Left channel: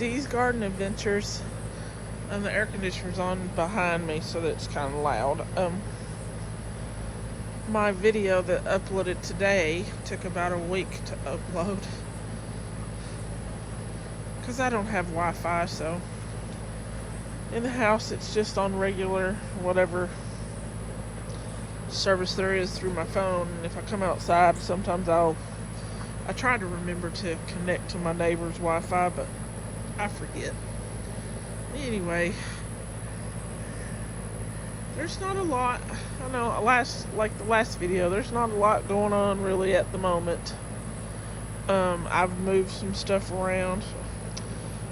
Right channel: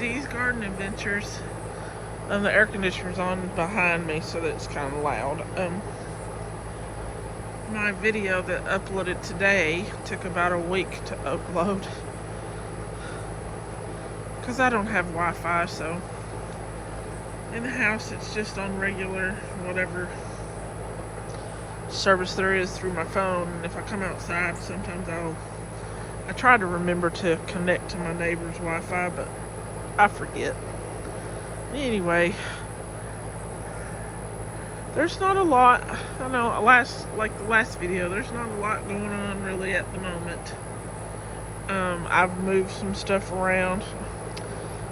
Dee's Garden Adventures. The air conditioner's on behind me, so that it's kind of loud. My video that uploaded today took about a week to upload because I don't have Wi-Fi, so in the house it's just on regular whatever service there is through my phone. And if I come outside, sometimes I try to remember to connect to my neighbor's Wi-Fi, but I forget. Anyway, there's not a lot. I know the last video, there's not a lot going on really at the moment. I've moved some stuff around.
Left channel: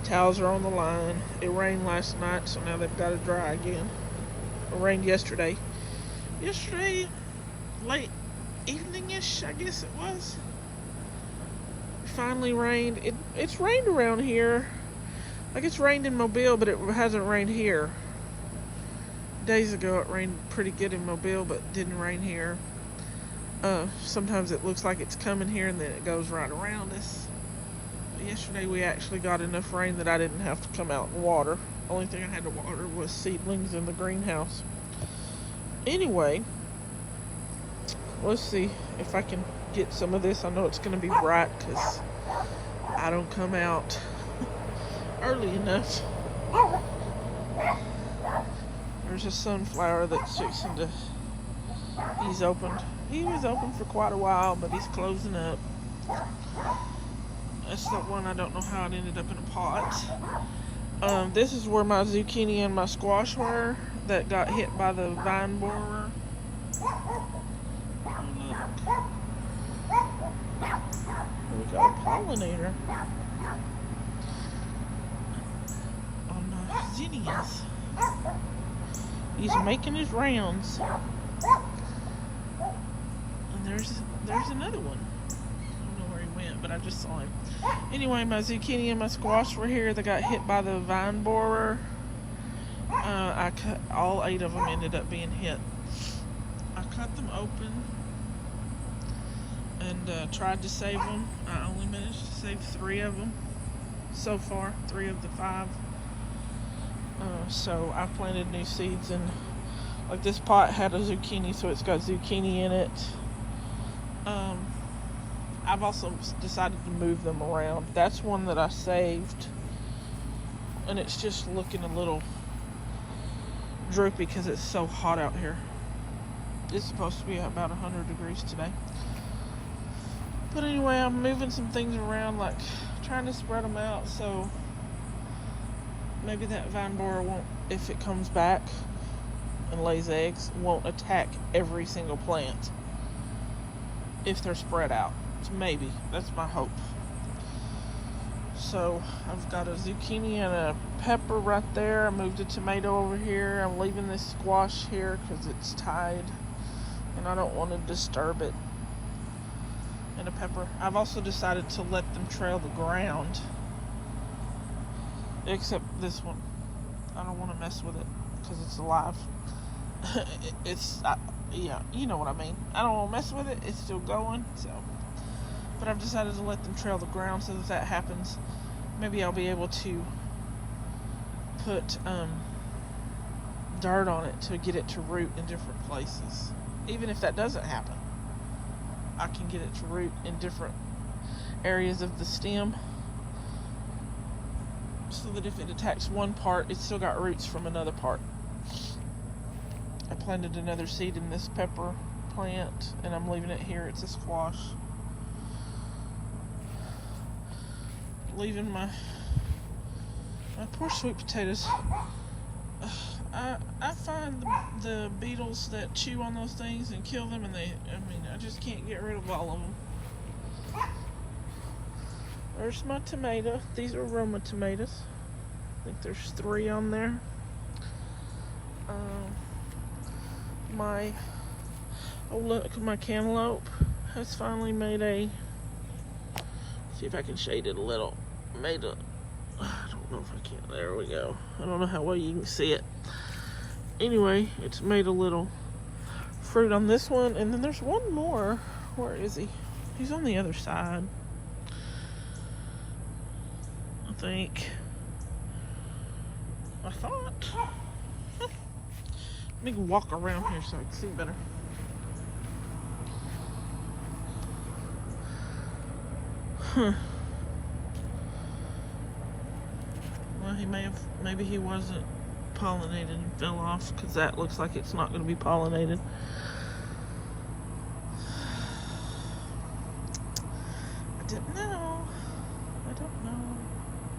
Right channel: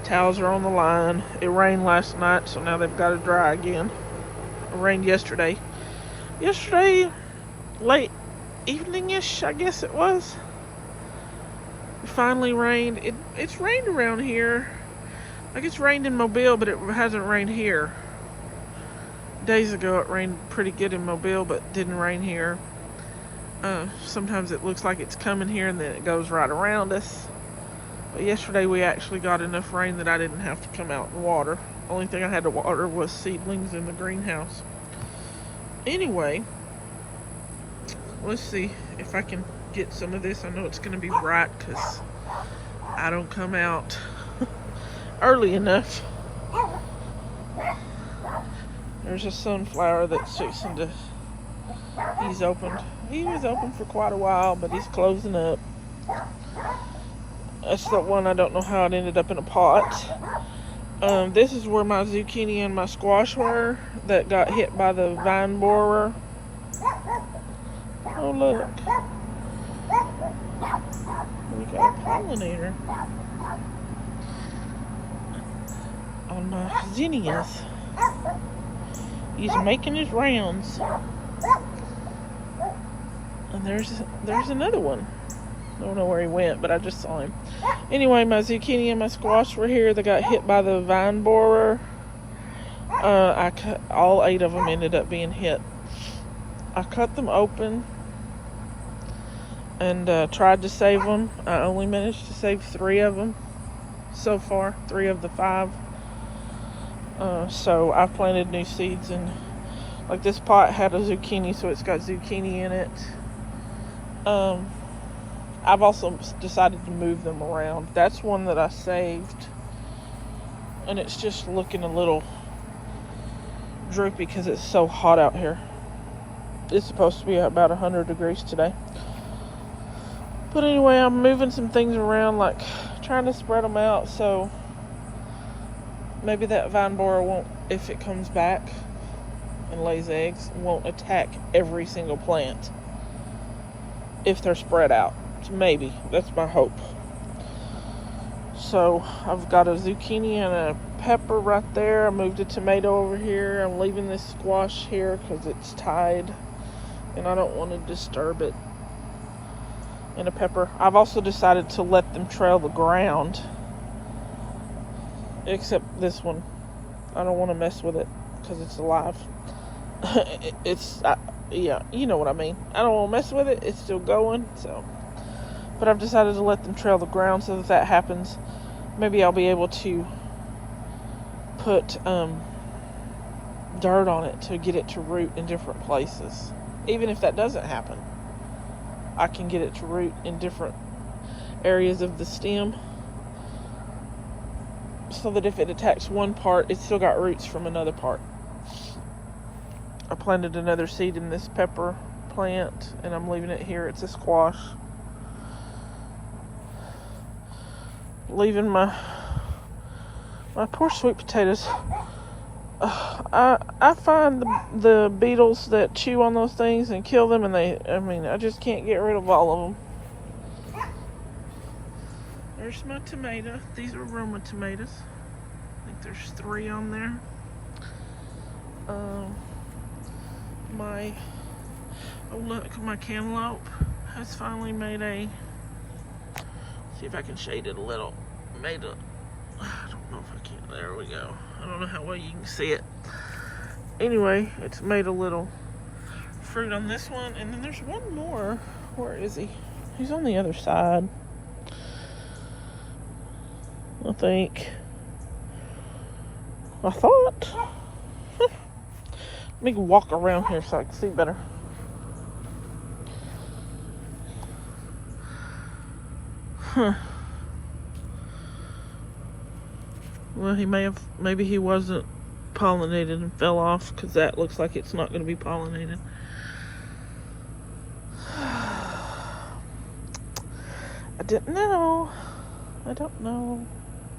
Towels are on the line. It rained last night, so now they've got to dry again. It rained yesterday. Yesterday, late evening-ish, I guess it was. It finally rained. It's rained around here. Like, it's rained in Mobile, but it hasn't rained here. Days ago, it rained pretty good in Mobile, but didn't rain here. Sometimes it looks like it's coming here, and then it goes right around us. But yesterday, we actually got enough rain that I didn't have to come out and water. Only thing I had to water was seedlings in the greenhouse. Anyway, let's see if I can get some of this. I know it's going to be bright because I don't come out early enough. There's a sunflower that's fixing to, he's opened. He was open for quite a while, but he's closing up. That's the one, I don't know how it ended up in a pot. This is where my zucchini and my squash were that got hit by the vine borer. Oh, look. We got a pollinator on my zinnias. He's making his rounds. And there's another one. I don't know where he went, but I just saw him. Anyway, my zucchini and my squash were here. They got hit by the vine borer. I cut all 8 of them, ended up being hit. I cut them open and tried to save them. I only managed to save 3 of them so far, 3 of the 5. So I planted new seeds, and like this pot had a zucchini, so it's got zucchini in it. I've also decided to move them around. That's one that I saved, and it's just looking a little droopy because it's so hot out here. It's supposed to be about 100 degrees today. But anyway, I'm moving some things around, like trying to spread them out so maybe that vine borer won't, if it comes back and lays eggs, won't attack every single plant if they're spread out. Maybe. That's my hope. So I've got a zucchini and a pepper right there. I moved a tomato over here. I'm leaving this squash here because it's tied and I don't want to disturb it. And a pepper. I've also decided to let them trail the ground, except this one. I don't want to mess with it because it's alive. Yeah, you know what I mean. I don't want to mess with it. It's still going, so. But I've decided to let them trail the ground, so that happens. Maybe I'll be able to put dirt on it to get it to root in different places. Even if that doesn't happen, I can get it to root in different areas of the stem, so that if it attacks one part, it's still got roots from another part. I planted another seed in this pepper plant, and I'm leaving it here. It's a squash. Leaving my poor sweet potatoes. I find the beetles that chew on those things and kill them, and I just can't get rid of all of them. There's my tomato. These are Roma tomatoes. I think there's 3 on there. My cantaloupe has finally made see if I can shade it a little. I don't know if I can. There we go. I don't know how well you can see it. Anyway, it's made a little fruit on this one. And then there's one more. Where is he? He's on the other side, I think. I thought. Let me walk around here so I can see better. Huh. Well, maybe he wasn't pollinated and fell off, because that looks like it's not going to be pollinated. I didn't know. I don't know.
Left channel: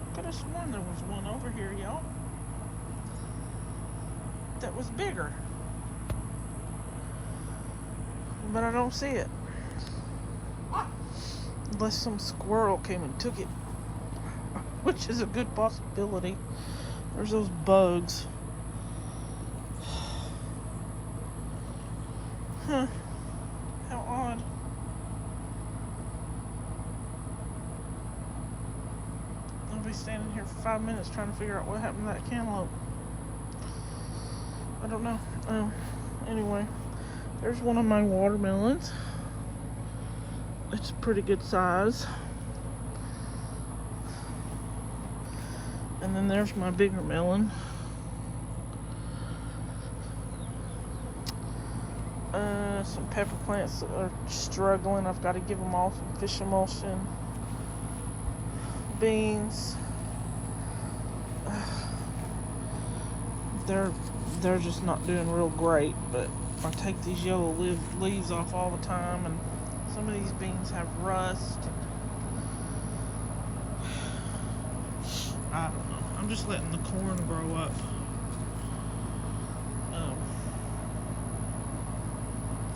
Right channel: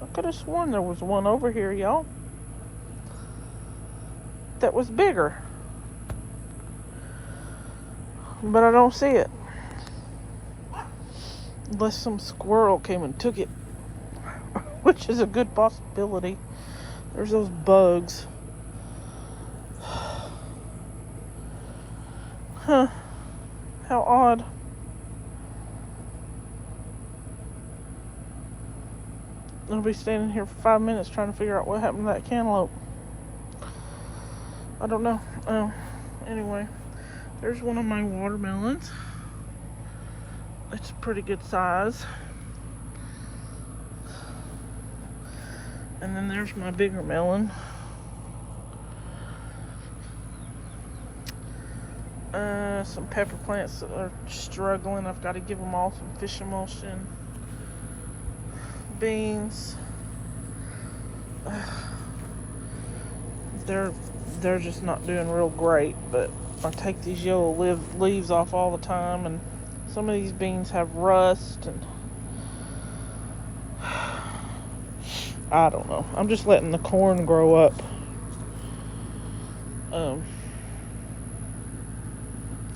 I could have sworn there was one over here, y'all, that was bigger. But I don't see it. Unless some squirrel came and took it. Which is a good possibility. There's those bugs. Huh. How odd. I'll be standing here for 5 minutes trying to figure out what happened to that cantaloupe. I don't know. Anyway, there's one of my watermelons. It's a pretty good size. And then there's my bigger melon. Some pepper plants that are struggling. I've got to give them all some fish emulsion. Beans. They're just not doing real great, but I take these yellow leaves off all the time, and some of these beans have rust, and I don't know. I'm just letting the corn grow up.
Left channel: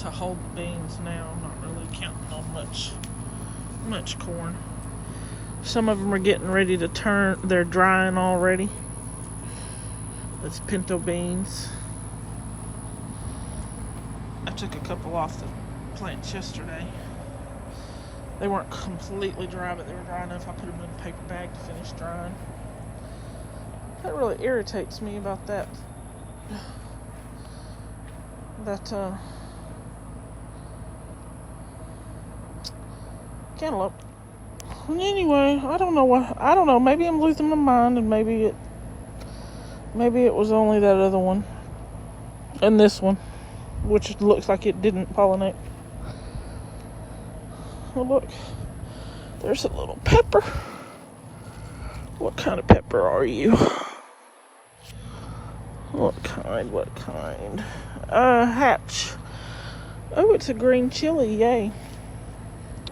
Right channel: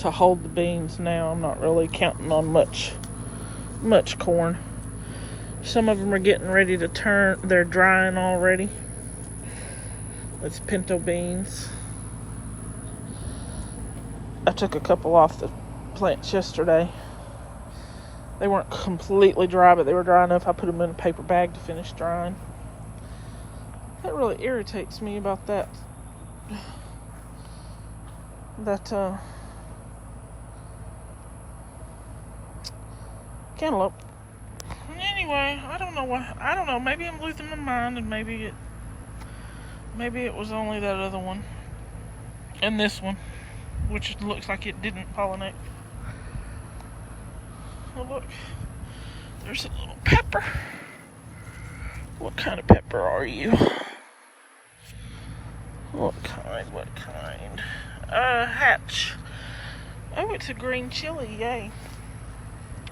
To hold the beans now. I'm not really counting on much corn. Some of them are getting ready to turn. They're drying already. It's pinto beans. I took a couple off the plants yesterday. They weren't completely dry, but they were dry enough. I put them in a paper bag to finish drying. That really irritates me about that. Cantaloupe. Anyway, I don't know. Maybe I'm losing my mind, and maybe it was only that other one and this one, which looks like it didn't pollinate. Oh, look, there's a little pepper. What kind of pepper are you? What kind? Hatch. Oh, it's a green chili, yay.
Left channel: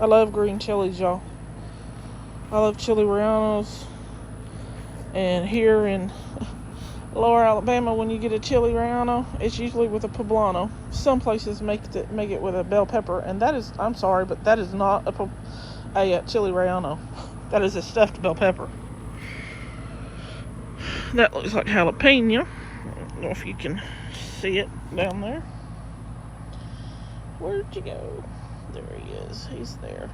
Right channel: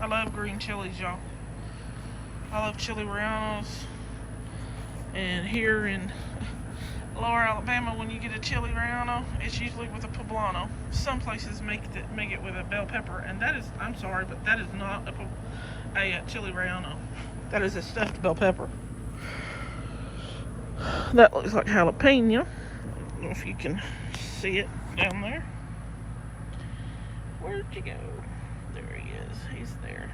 I love green chilies, y'all. I love chili rellenos. And here in Lower Alabama, when you get a chili relleno, it's usually with a poblano. Some places make it with a bell pepper, and that is, I'm sorry, but that is not a chili relleno. That is a stuffed bell pepper. That looks like jalapeno. I don't know if you can see it down there. Where'd you go? There he is. He's there.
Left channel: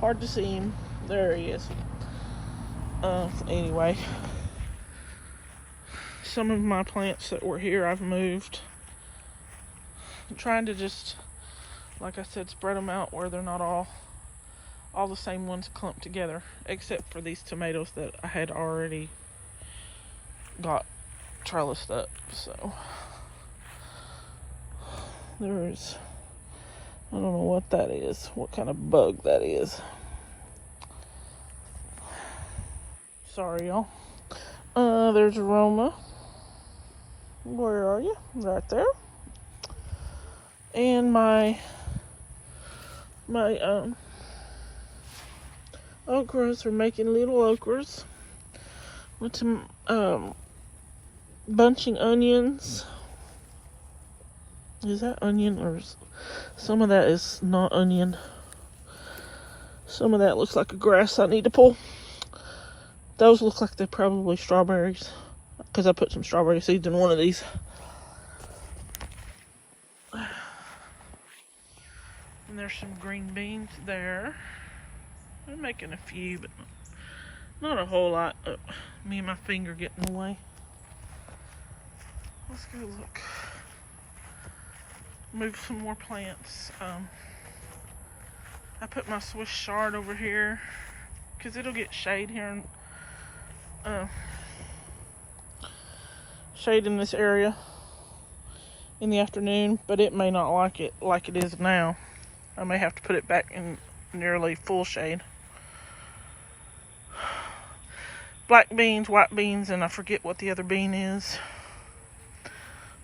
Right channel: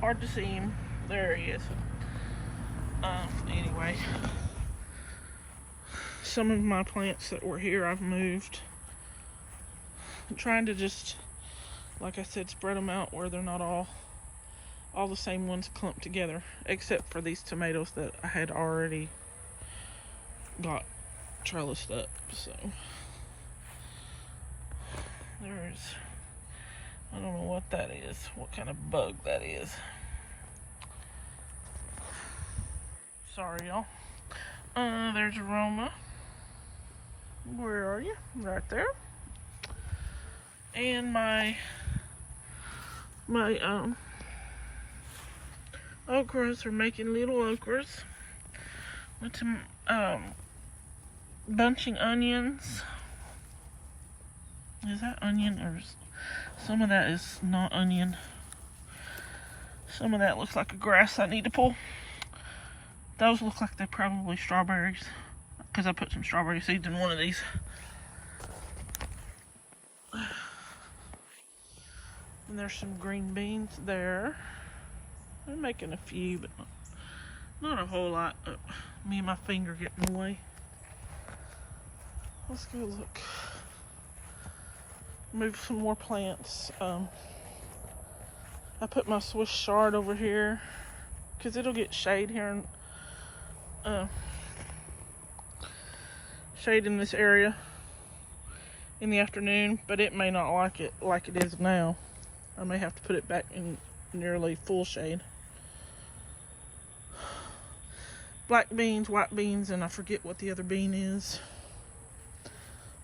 Hard to see him. There he is. Anyway, some of my plants that were here I've moved. I'm trying to just, like I said, spread them out where they're not all the same ones clumped together, except for these tomatoes that I had already got trellised up. So there's, I don't know what that is, what kind of bug that is. Sorry, y'all. There's aroma. Where are you? Right there. And my okras are making little okras with some bunching onions. Is that onion, or some of that is not onion? Some of that looks like a grass I need to pull. Those look like they're probably strawberries, because I put some strawberry seeds in one of these. And there's some green beans there. I'm making a few, but not a whole lot. Me and my finger get in the way. Let's go look. Move some more plants. I put my Swiss chard over here because it'll get shade here shade in this area in the afternoon, but it may not like it like it is now. I may have to put it back in nearly full shade. Black beans, white beans, and I forget what the other bean is.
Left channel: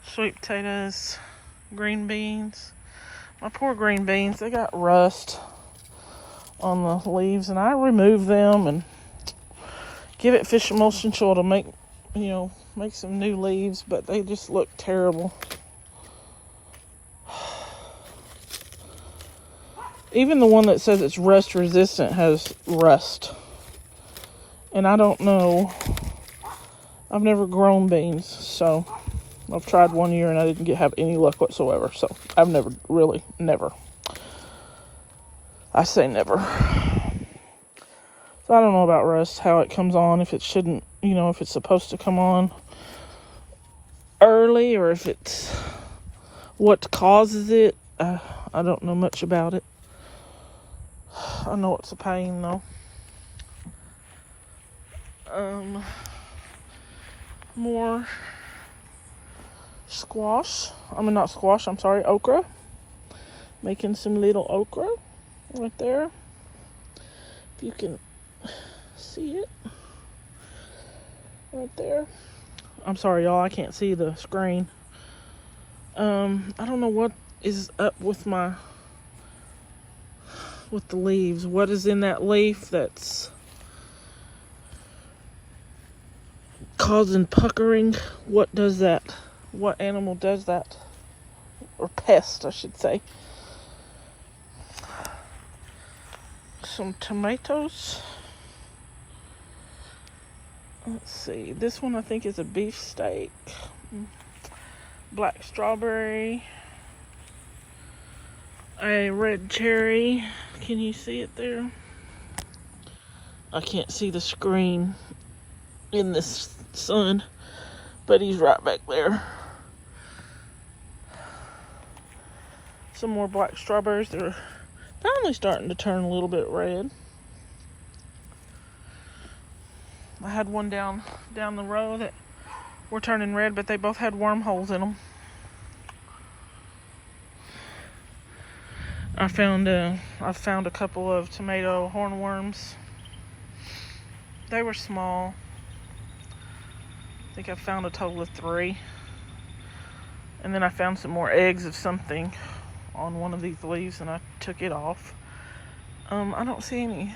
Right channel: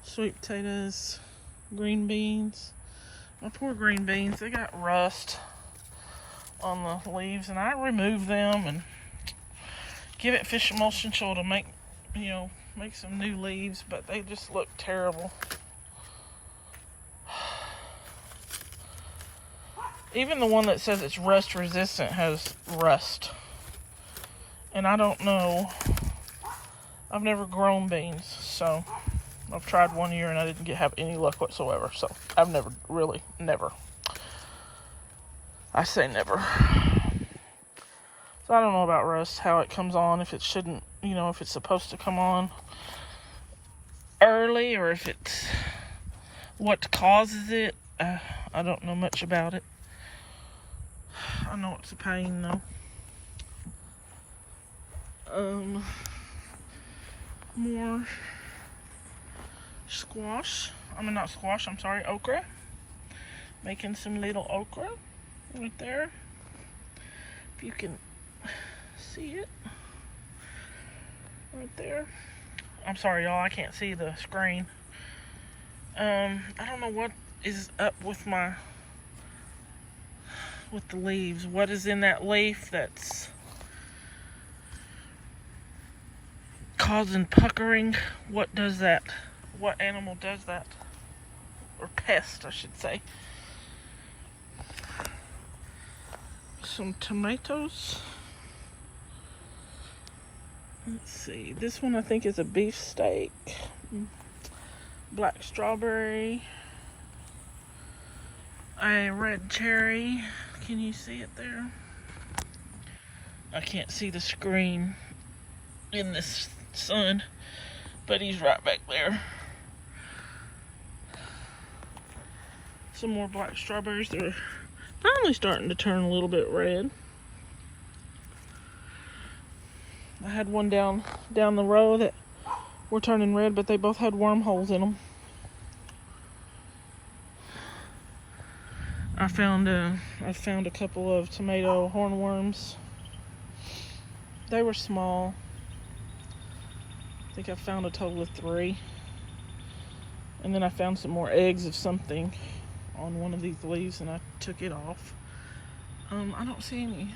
Sweet potatoes, green beans. My poor green beans, they got rust on the leaves, and I remove them and give it fish emulsion so it'll make, make some new leaves, but they just look terrible. Even the one that says it's rust resistant has rust. And I don't know. I've never grown beans, so I've tried one year and I didn't have any luck whatsoever. So I've never. I say never. So I don't know about rust, how it comes on, if it shouldn't, if it's supposed to come on early, or if it's what causes it. I don't know much about it. I know it's a pain though. More squash. Not squash, I'm sorry, okra. Making some little okra right there. If you can see it. Right there. I'm sorry, y'all, I can't see the screen. I don't know what is up with the leaves. What is in that leaf that's causing puckering? What does that? What animal does that? Or pest, I should say. Some tomatoes. Let's see. This one I think is a beefsteak. Black strawberry. A red cherry. Can you see it there? I can't see the screen in this sun, but he's right back there. Some more black strawberries. They're finally starting to turn a little bit red. I had one down the row that were turning red, but they both had wormholes in them. I found a couple of tomato hornworms. They were small. I think I found a total of 3. And then I found some more eggs of something on one of these leaves, and I took it off. I don't see any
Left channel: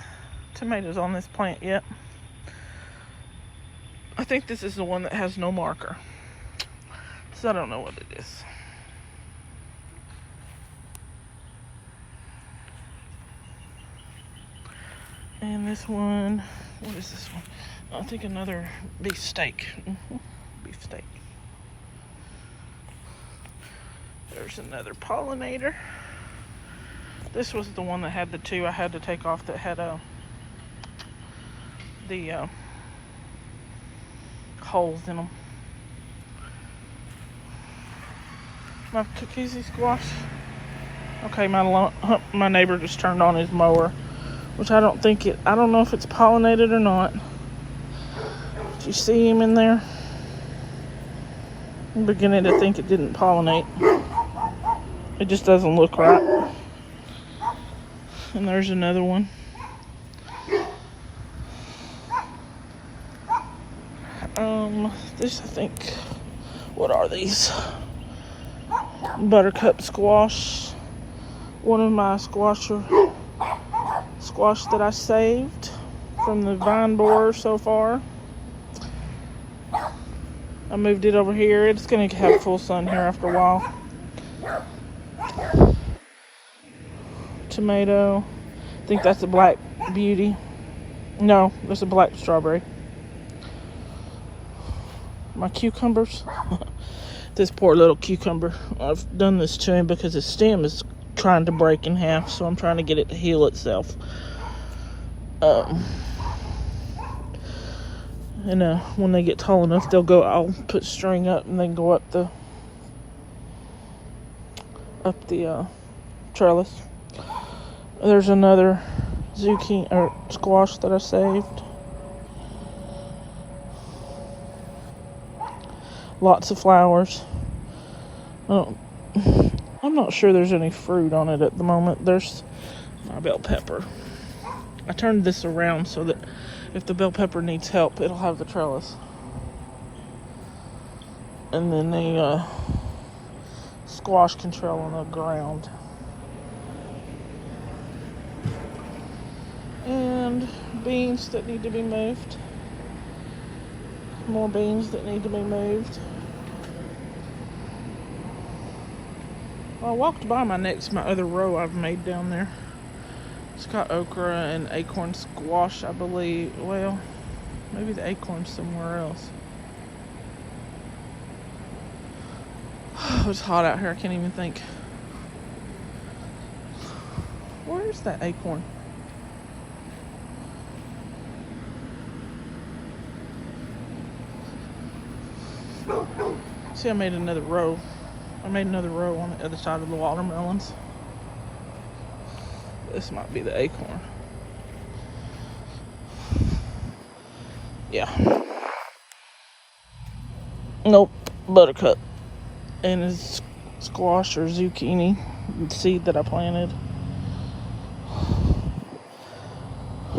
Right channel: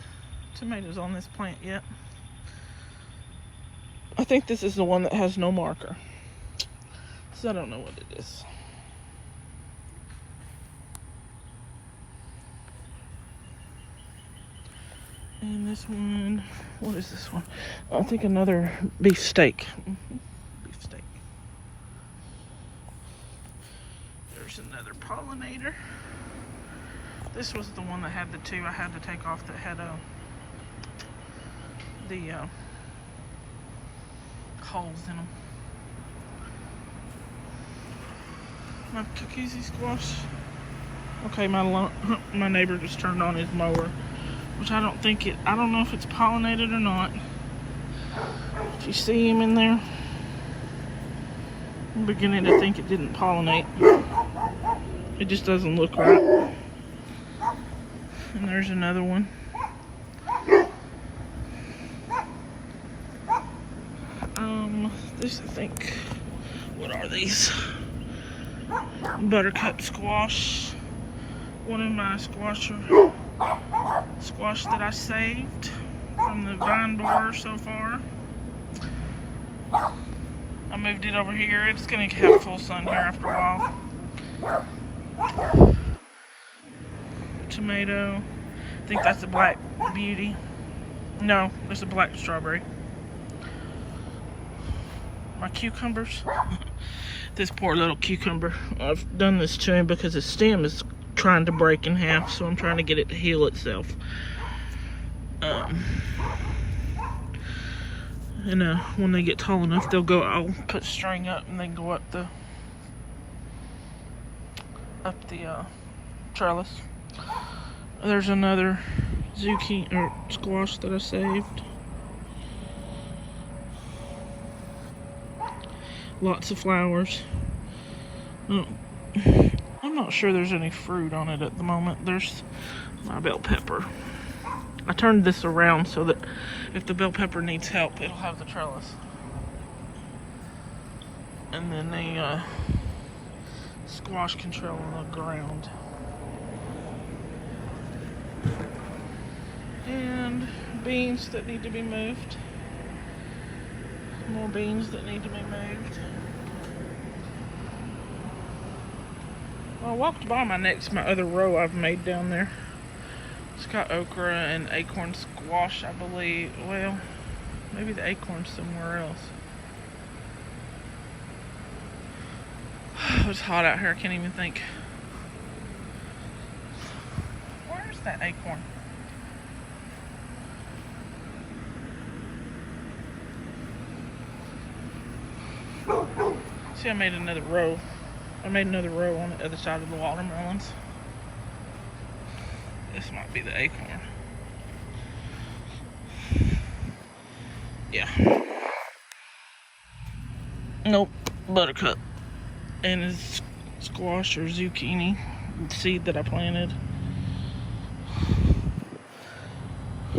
tomatoes on this plant yet. I think this is the one that has no marker. So I don't know what it is. And this one, what is this one? I think another beefsteak. Beefsteak. There's another pollinator. This was the one that had the 2 I had to take off that had the holes in them. My cookies squash. Okay, my neighbor just turned on his mower. Which I don't know if it's pollinated or not. Do you see him in there? I'm beginning to think it didn't pollinate. It just doesn't look right. And there's another one. This, I think, what are these? Buttercup squash. One of my squash that I saved from the vine borer so far. I moved it over here. It's going to have full sun here after a while. Tomato. I think that's a black beauty. No, there's a black strawberry. My cucumbers. This poor little cucumber. I've done this to him because his stem is trying to break in half, so I'm trying to get it to heal itself. When they get tall enough, I'll put string up and then go up the trellis. There's another zucchini or squash that I saved. Lots of flowers. I'm not sure there's any fruit on it at the moment. There's my bell pepper. I turned this around so that if the bell pepper needs help, it'll have the trellis. And then the squash can trail on the ground. And beans that need to be moved. More beans that need to be moved. Well, I walked by my other row I've made down there. It's got okra and acorn squash, I believe. Well, maybe the acorn's somewhere else. It's hot out here, I can't even think. Where's that acorn? See, I made another row. I made another row on the other side of the watermelons. This might be the acorn. Yeah. Nope, buttercup. And it's squash or zucchini seed that I planted.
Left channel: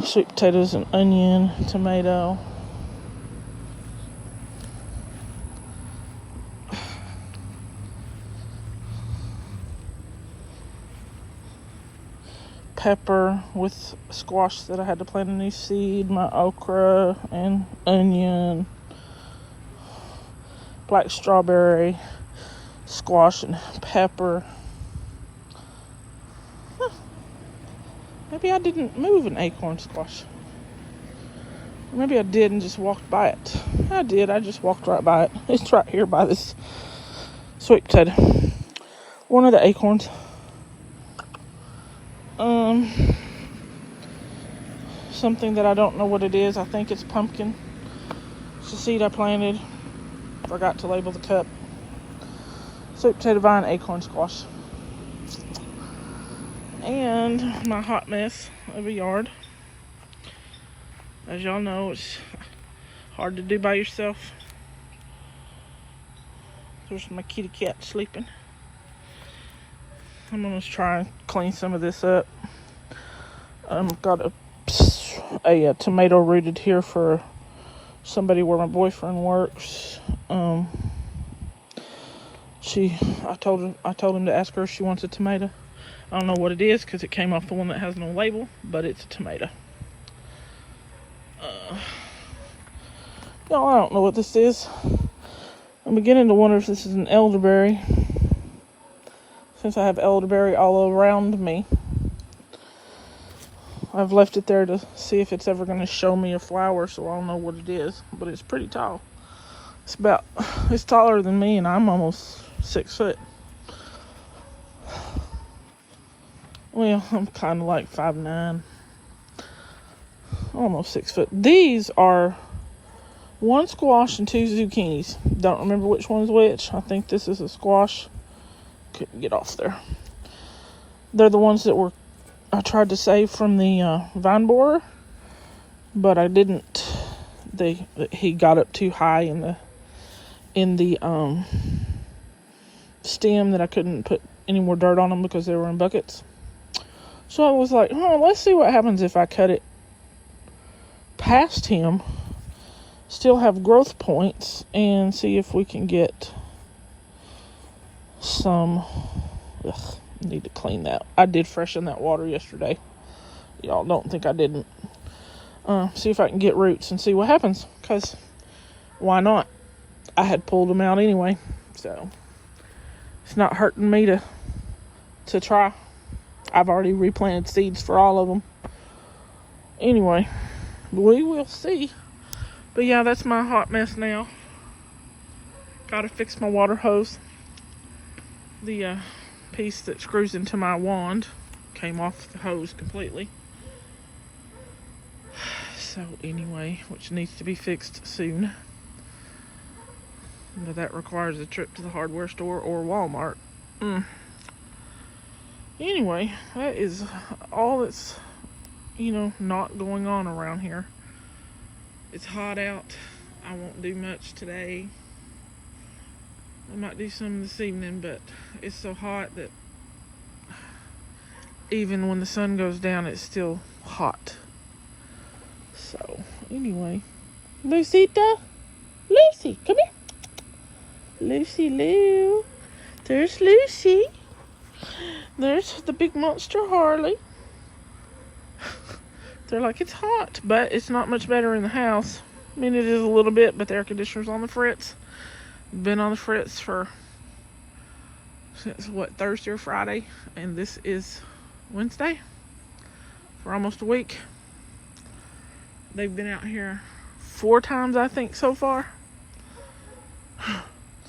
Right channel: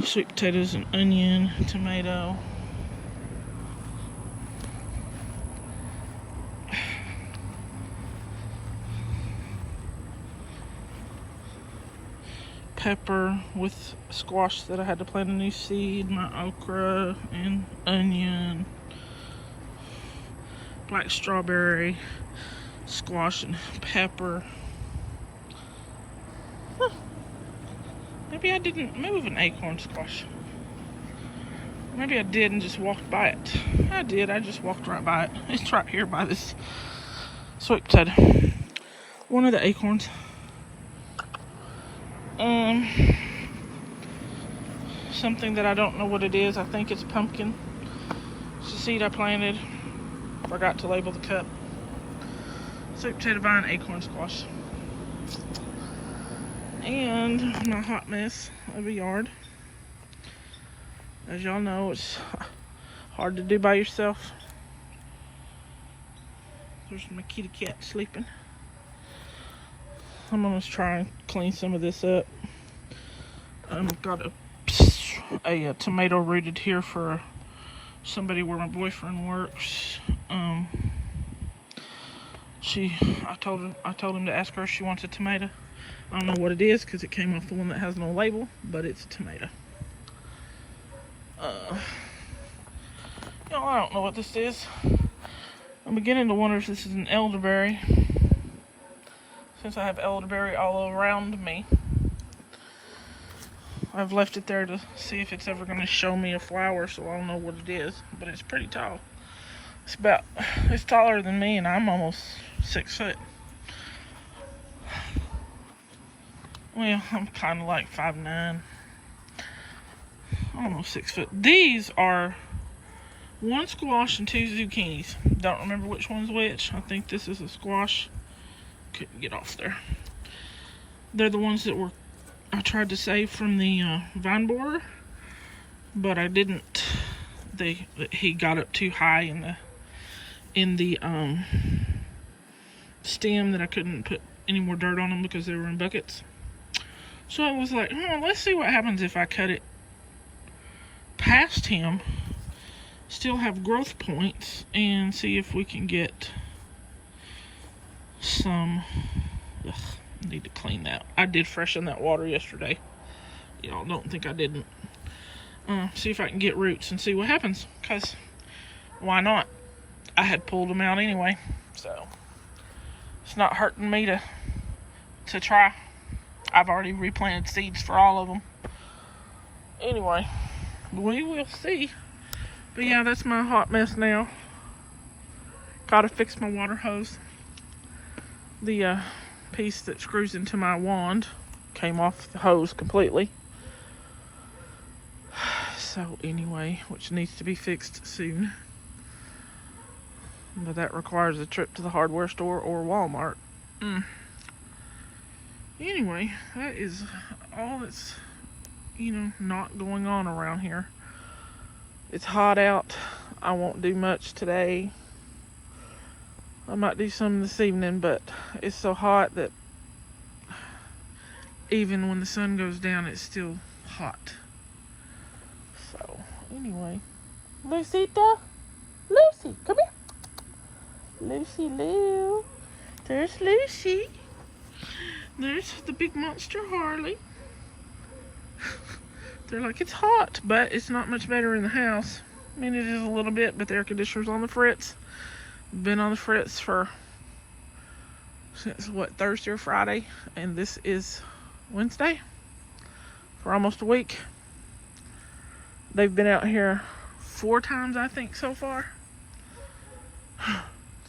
Sweet potatoes and onion, tomato. Pepper with squash that I had to plant a new seed, my okra and onion, black strawberry, squash and pepper. Maybe I didn't move an acorn squash. Maybe I did and just walked by it. I did, I just walked right by it. It's right here by this sweet potato. One of the acorns. Something that I don't know what it is. I think it's pumpkin. It's a seed I planted. Forgot to label the cup. Sweet potato vine, acorn squash. And my hot mess of a yard. As y'all know, it's hard to do by yourself. There's my kitty cat sleeping. I'm gonna try and clean some of this up. Got a tomato rooted here for somebody where my boyfriend works. I told him to ask her if she wants a tomato. I don't know what it is because it came off the one that has no label, but it's a tomato. Y'all, I don't know what this is. I'm beginning to wonder if this is an elderberry, since I have elderberry all around me. I've left it there to see if it's ever going to show me a flower, so I don't know what it is, but it's pretty tall. It's taller than me, and I'm almost 6 foot. Well, I'm kind of like 5'9", almost 6 foot. These are 1 squash and 2 zucchinis. Don't remember which one's which. I think this is a squash. Couldn't get off there. They're the ones that I tried to save from the vine borer, but I didn't. He got up too high in the stem that I couldn't put any more dirt on them because they were in buckets. So I was like, let's see what happens if I cut it past him, still have growth points, and see if we can get some. Need to clean that. I did freshen that water yesterday. Y'all don't think I didn't. See if I can get roots and see what happens, because why not? I had pulled them out anyway, so it's not hurting me to try. I've already replanted seeds for all of them. Anyway, we will see. But yeah, that's my hot mess now. Gotta fix my water hose. The piece that screws into my wand came off the hose completely. So anyway, which needs to be fixed soon. But that requires a trip to the hardware store or Walmart. Anyway, that is all that's, not going on around here. It's hot out. I won't do much today. I might do some this evening, but it's so hot that even when the sun goes down, it's still hot. So, anyway. Lucita? Lucy, come here. Lucy Lou. There's Lucy. There's the big monster Harley. They're like, it's hot, but it's not much better in the house. I mean, it is a little bit, but the air conditioner's on the fritz. Been on the fritz since what, Thursday or Friday, and this is Wednesday, for almost a week. They've been out here 4 times, I think, so far.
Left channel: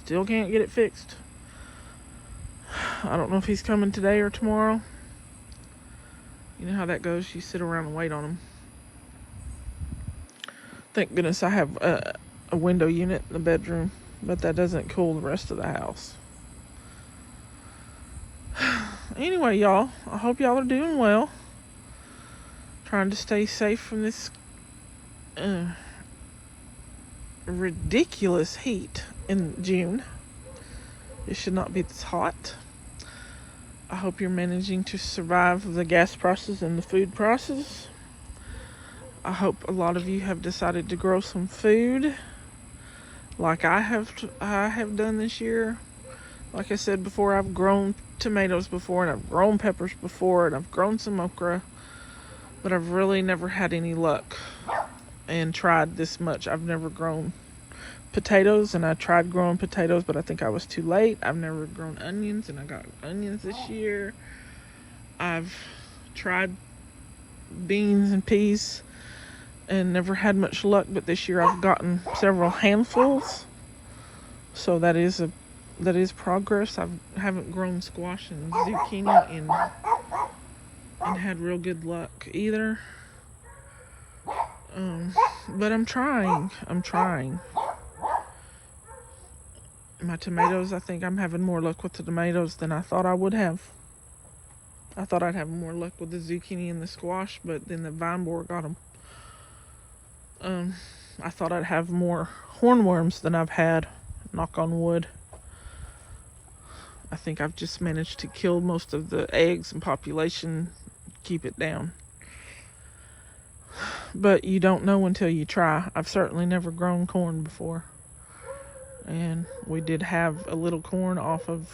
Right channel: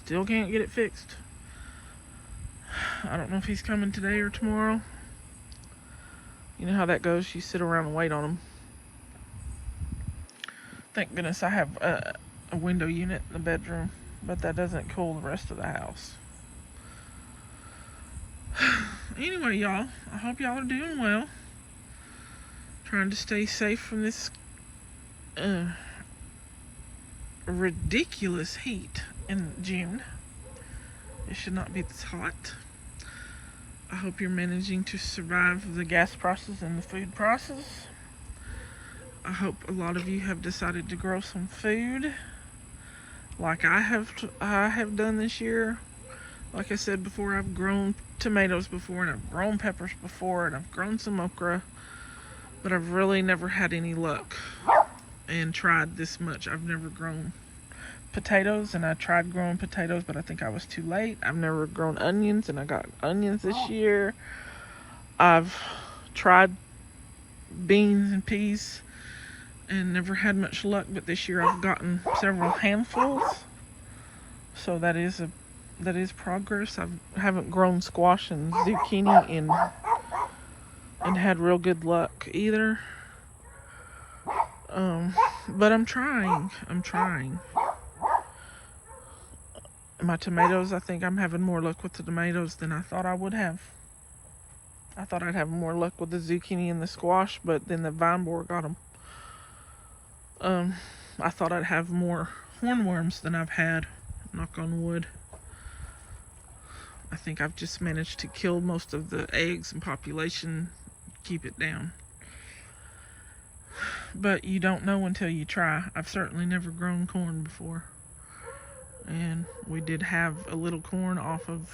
Still can't get it fixed. I don't know if he's coming today or tomorrow. You know how that goes. You sit around and wait on him. Thank goodness I have a window unit in the bedroom, but that doesn't cool the rest of the house. Anyway, y'all, I hope y'all are doing well. Trying to stay safe from this ridiculous heat in June. It should not be this hot. I hope you're managing to survive the gas prices and the food prices. I hope a lot of you have decided to grow some food, like I have done this year. Like I said before, I've grown tomatoes before, and I've grown peppers before, and I've grown some okra, but I've really never had any luck and tried this much. I've never grown potatoes, and I tried growing potatoes, but I think I was too late. I've never grown onions, and I got onions this year. I've tried beans and peas and never had much luck, but this year I've gotten several handfuls, so that is progress. I haven't grown squash and zucchini and had real good luck either. But I'm trying. My tomatoes, I think I'm having more luck with the tomatoes than I thought I would have. I thought I'd have more luck with the zucchini and the squash, but then the vine borer got them. I thought I'd have more hornworms than I've had, knock on wood. I think I've just managed to kill most of the eggs and population, keep it down. But you don't know until you try. I've certainly never grown corn before. And we did have a little corn off of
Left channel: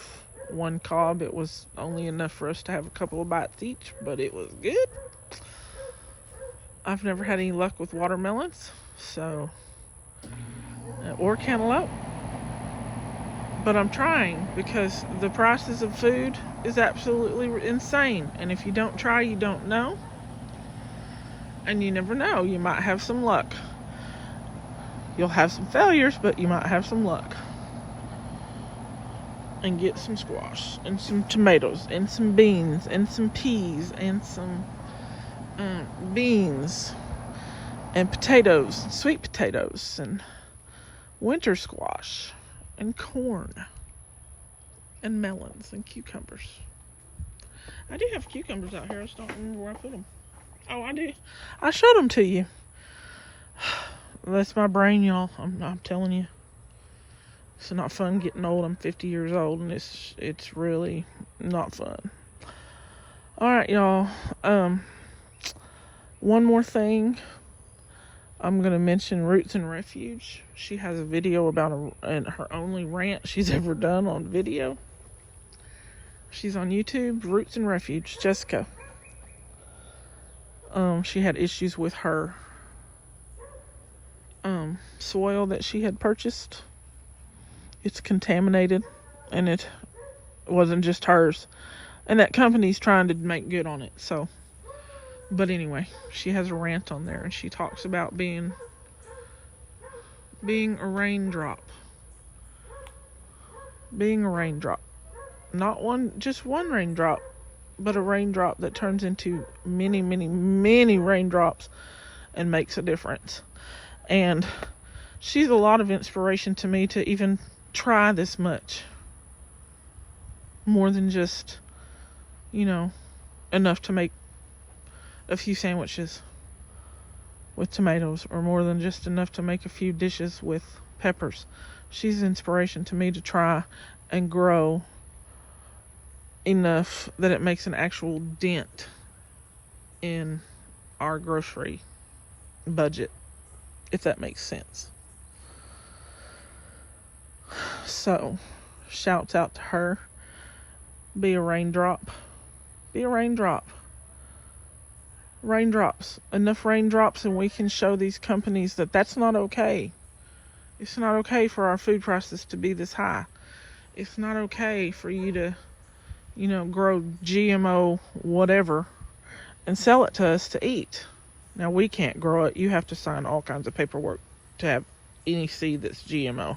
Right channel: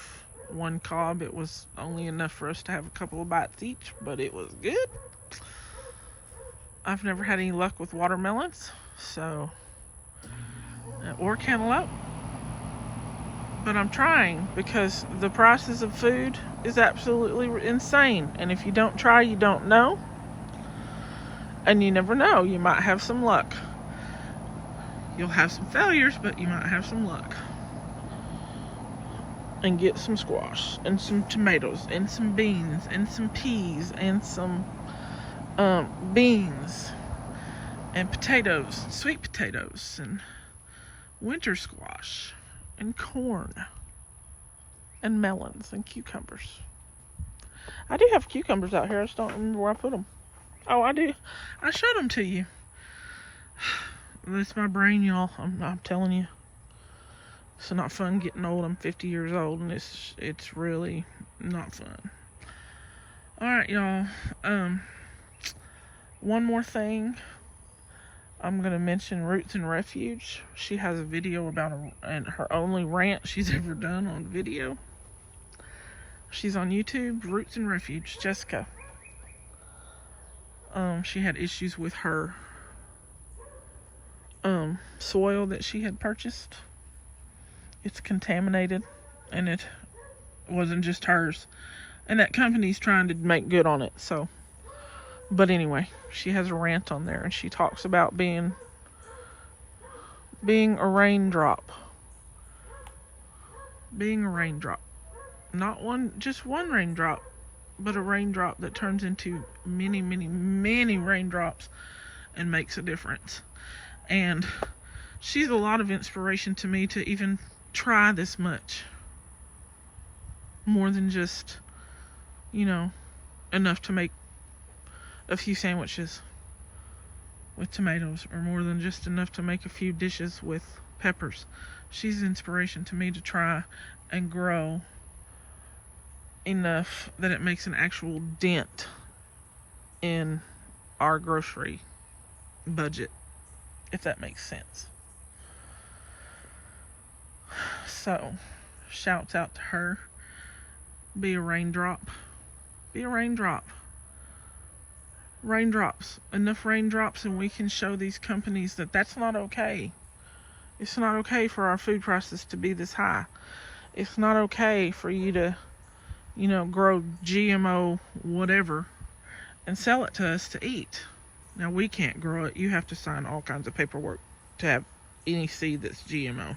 one cob. It was only enough for us to have a couple of bites each, but it was good. I've never had any luck with watermelons, so, or cantaloupe. But I'm trying, because the prices of food is absolutely insane. And if you don't try, you don't know. And you never know. You might have some luck. You'll have some failures, but you might have some luck. And get some squash, and some tomatoes, and some beans, and some peas, and some beans, and potatoes, and sweet potatoes, and winter squash, and corn, and melons, and cucumbers. I do have cucumbers out here. I just don't remember where I put them. Oh, I do. I showed them to you. That's my brain, y'all. I'm telling you. It's not fun getting old. I'm 50 years old, and it's really not fun. All right, y'all. One more thing. I'm going to mention Roots and Refuge. She has a video about her only rant she's ever done on video. She's on YouTube, Roots and Refuge, Jessica. She had issues with her soil that she had purchased. It's contaminated, and it wasn't just hers. And that company's trying to make good on it, so. But anyway, she has a rant on there, and she talks about being a raindrop. Being a raindrop. Not just one raindrop, but a raindrop that turns into many, many, many raindrops and makes a difference. And she's a lot of inspiration to me to even try this much. More than just, enough to make a few sandwiches with tomatoes, or more than just enough to make a few dishes with peppers. She's inspiration to me to try and grow enough that it makes an actual dent in our grocery budget, if that makes sense. So, shouts out to her. Be a raindrop. Be a raindrop. Raindrops. Enough raindrops and we can show these companies that that's not okay. It's not okay for our food prices to be this high. It's not okay for you to, grow GMO whatever and sell it to us to eat. Now, we can't grow it. You have to sign all kinds of paperwork to have any seed that's GMO.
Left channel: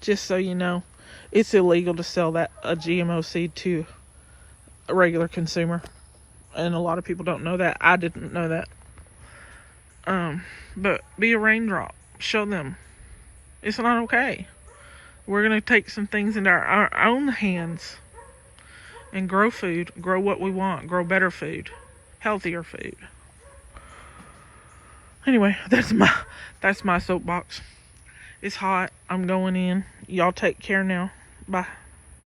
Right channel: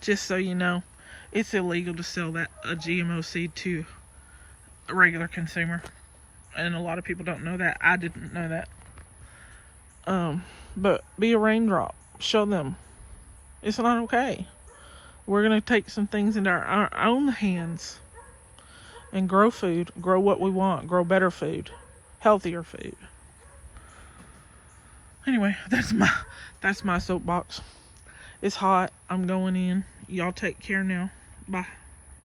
Just so you know, it's illegal to sell a GMO seed to a regular consumer. And a lot of people don't know that. I didn't know that. But be a raindrop. Show them it's not okay. We're going to take some things into our own hands and grow food. Grow what we want. Grow better food. Healthier food. Anyway, that's my soapbox. It's hot. I'm going in. Y'all take care now. Bye.